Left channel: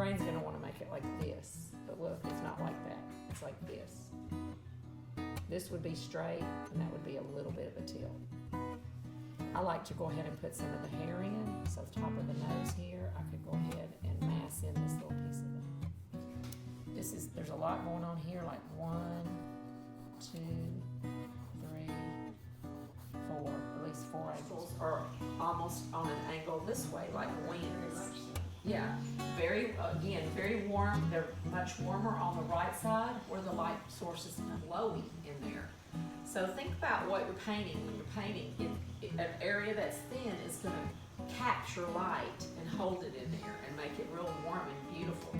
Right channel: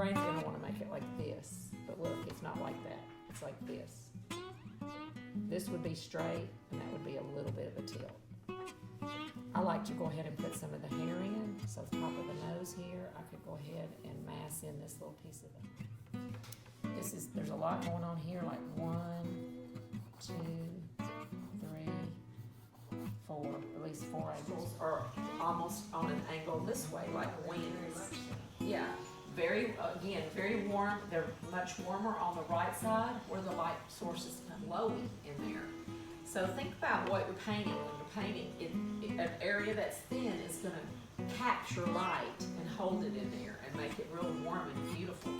brain's gonna wanna make it like this, but look, it's not like that. It's like this. This would be straight, and that would be a little bit of a tilt. I like to go ahead and put some of the hair in, so top of the nose here, I could go ahead and mass in this little piece of it. There's a lot going on here, like 1, 2, 3, 4, at least 4 angles, or almost on an angle this way, like wings. Yeah, very warm. They're much warmer on the right side where the light source is lowy in there. So think about what you're painting when you're painting. An area that's thin is going to capture light and hold it in there and make it real warm and beautiful.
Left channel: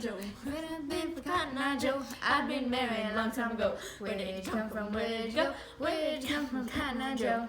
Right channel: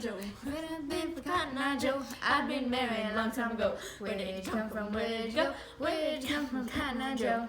Joe. When I've been for Cotton Eye Joe, I've been married a long time ago. Where did you come from? Where did you go? Where did you come from, Cotton Eye Joe?